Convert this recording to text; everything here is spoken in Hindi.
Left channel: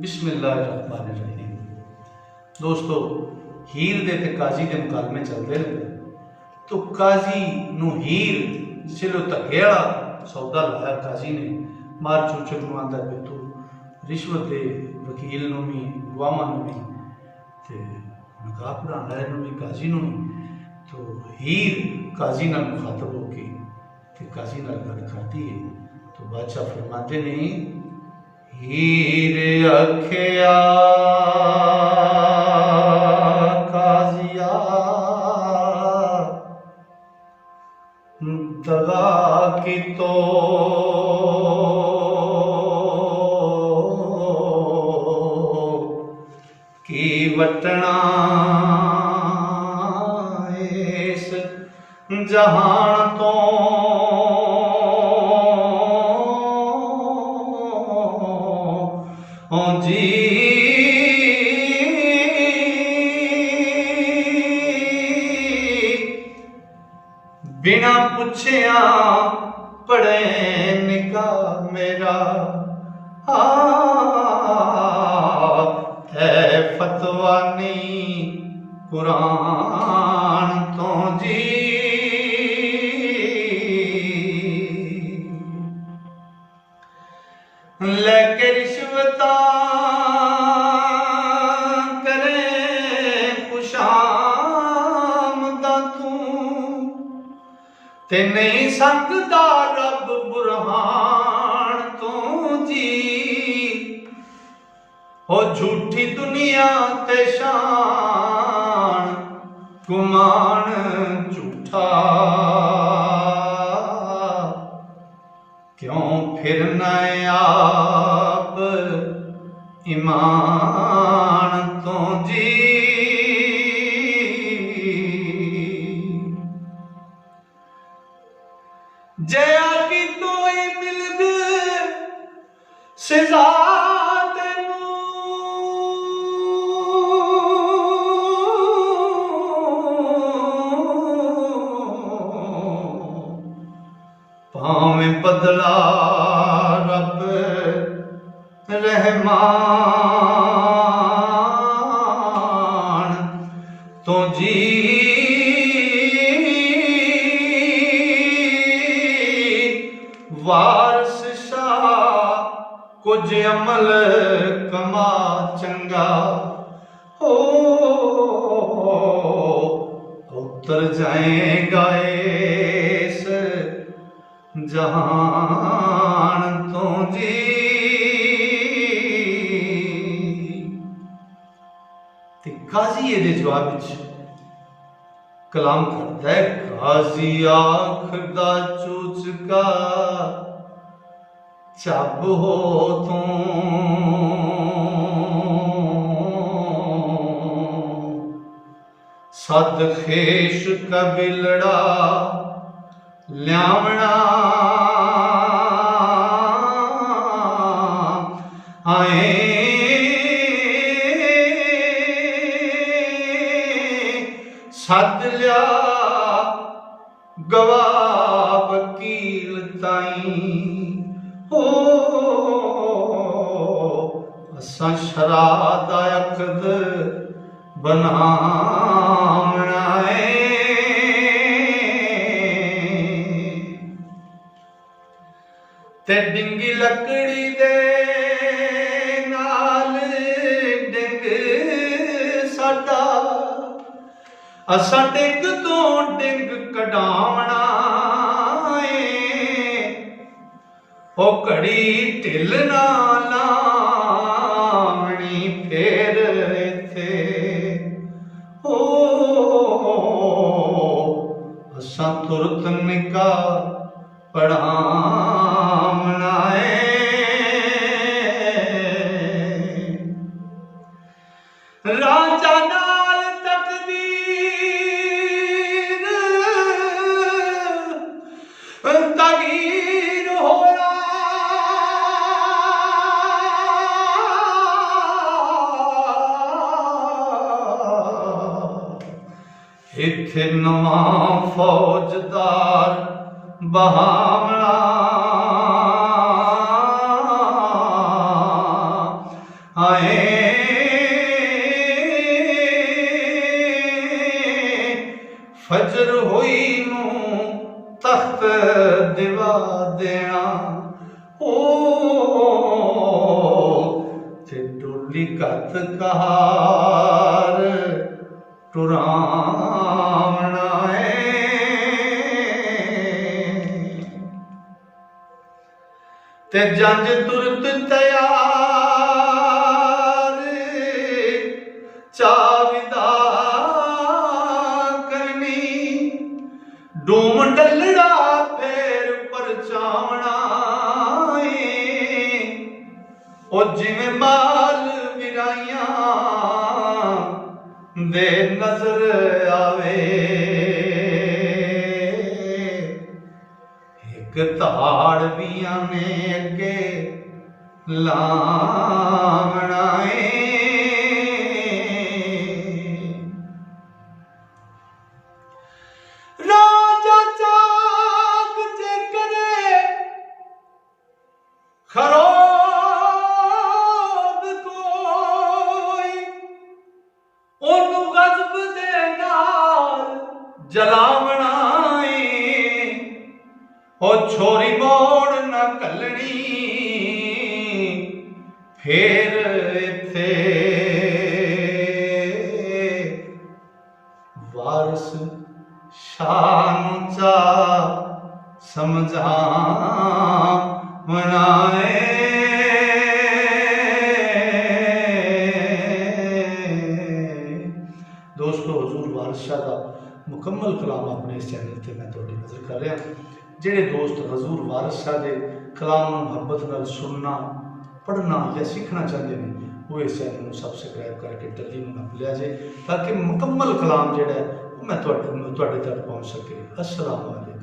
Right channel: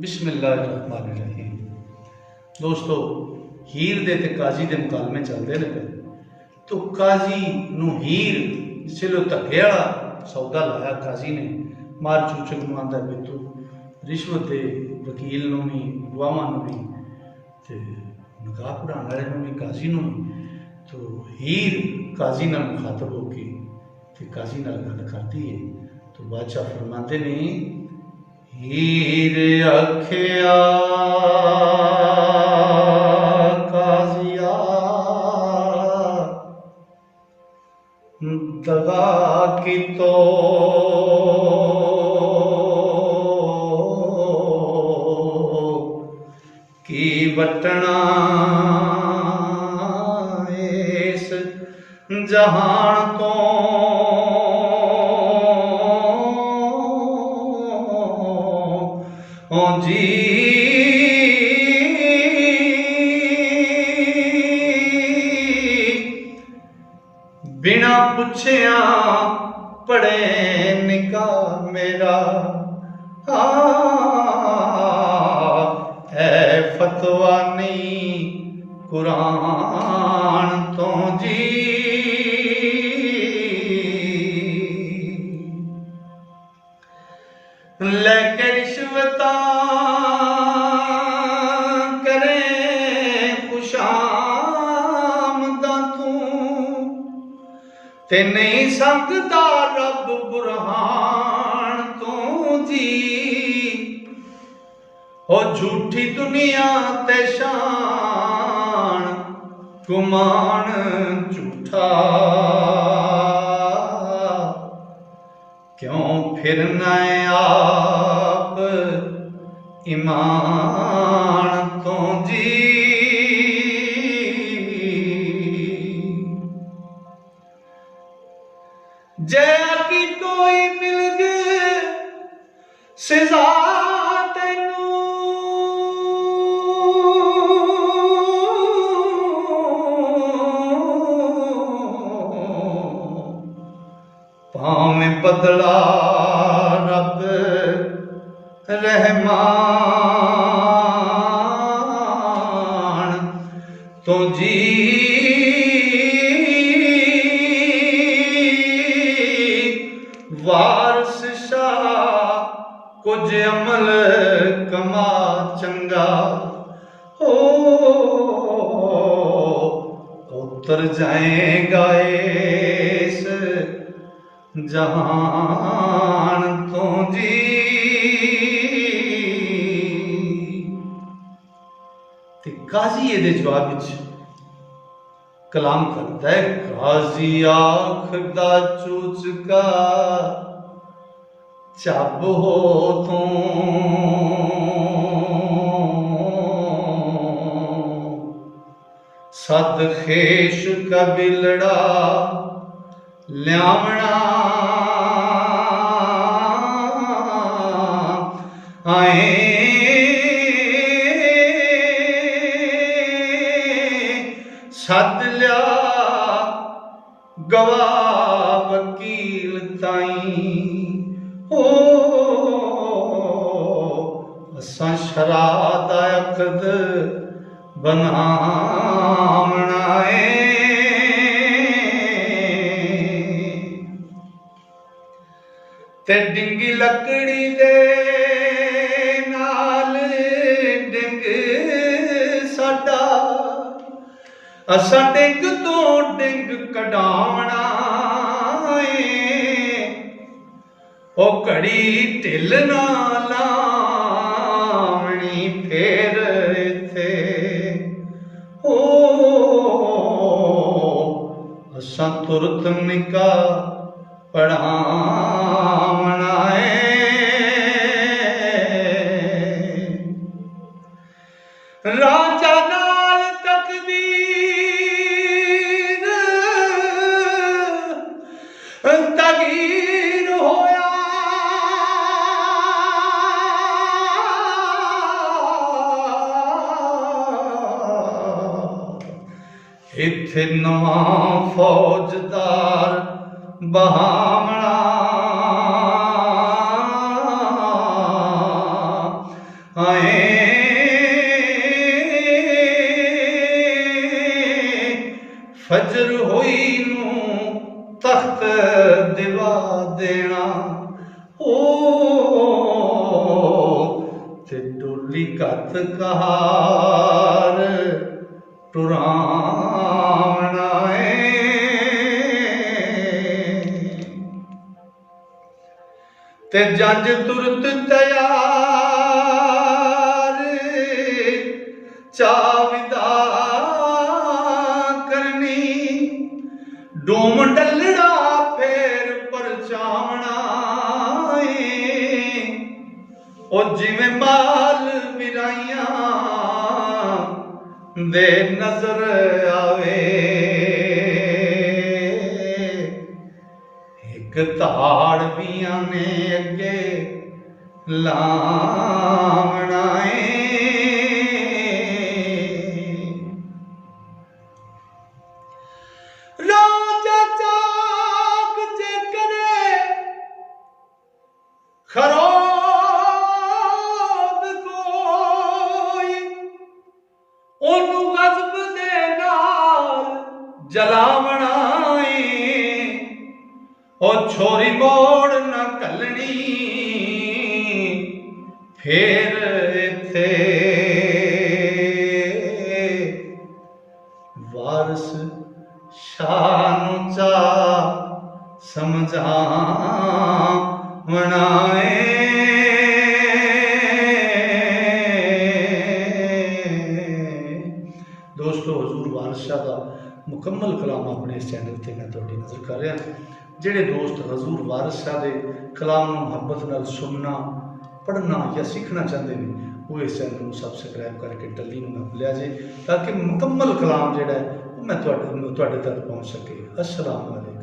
बिस्मिल्लाहिर्रहमानिर्रहीम। दोस्तों, हीर दे ते काजी दे मुकालमे चलते रहे तो काजी नू हीर जिसले धक्के वाला सौदा लाया काजी ने मार चूचक नू आंदा भी तू रिश्वत दे वकील नू भी गवाहां नू भी ते निकाह पढ़ाने वाले नू भी काजी नू भी। तो हीर काजी नाल मुखातब होके ते काजी नाल गल करती है तो बादशाह फरमाते ने हीर अखिया काजिया दगा की तो की वटना इस जहान तो जी बिना पुछया पढ़े निकाह मेरा है फतवा नहीं कुरान तो जी। लेके रिश्वत करे खुशामदा तू ते नहीं सकता रब बुरहान तू जी। हो झूठी दुनिया ते शान गुमान झूठा क्यों फिरना आप ईमान तो जी। जया की कोई मिलग सजा तेनू भावें बदला रब रहमान तो जी। वारस शाह कुछ अमल कमा चंगा हो उतर जाएगा इस जहान तो जी। ते काजी ये जवाब विच कलाम करता है काजी आखदा चूचका चब हो तू सद खेश कबिलड़ा ल्यावना आए सद लिया गवाह वकील ताई हो असा शराद अकद बनावना है। ते डिंगी लकड़ी दे नाल डिंग साडा असा डिंग तो डिंग कढावना ओ घड़ी ढिल ना लावनी फेर इथे ओ असा तुरत निकाह पढ़ावना है। राजा नाल तकदीर तगीर होया इथे नवा फौजदार बहावना हाय फजर होई नू तख्त दिवा देना ओ ते डोली कत कहार टुरावना ते जंज तुरत तैयार चाविदा करनी डूम डलड़ा फेर परचावना ओ जिवें माल विराइयां दे नजर आवे एक ताड़ बियां ने अगे लावना राजा चाक जे करे खरोद कोई ओनू गज़ब दे नाल जलावना ओ छोरी मोड़ न कलनी फेर इत्थे वारस शान चा समझावना दोस्तों हजूर वारिस शाह का मुकम्मल कलाम अपने इस चैनल से मैं तुहाडी नज़र कर रहा। ਜਿਹੜੇ ਦੋਸਤ ਹਜ਼ੂਰ ਵਾਰਿਸ ਸ਼ਾਹ ਦੇ ਕਲਾਮ ਨੂੰ ਮੁਹੱਬਤ ਨਾਲ ਸੁਣਨਾ ਪੜ੍ਹਨਾ ਜਾਂ ਸਿੱਖਣਾ ਚਾਹੁੰਦੇ ਨੇ ਉਹ ਇਸ ਚੈਨਲ ਨੂੰ ਸਬਸਕ੍ਰਾਈਬ ਕਰਕੇ ਟੱਲੀ ਨੂੰ ਨੱਪ ਲਿਆ ਜੇ ਤਾਂ ਕਿ ਮੁਕੰਮਲ ਕਲਾਮ ਜਿਹੜਾ ਹੈ ਉਹ ਮੈਂ ਤੁਹਾਡੇ ਤੱਕ ਪਹੁੰਚ ਸਕੇ। अस्सलाम वालेकुम।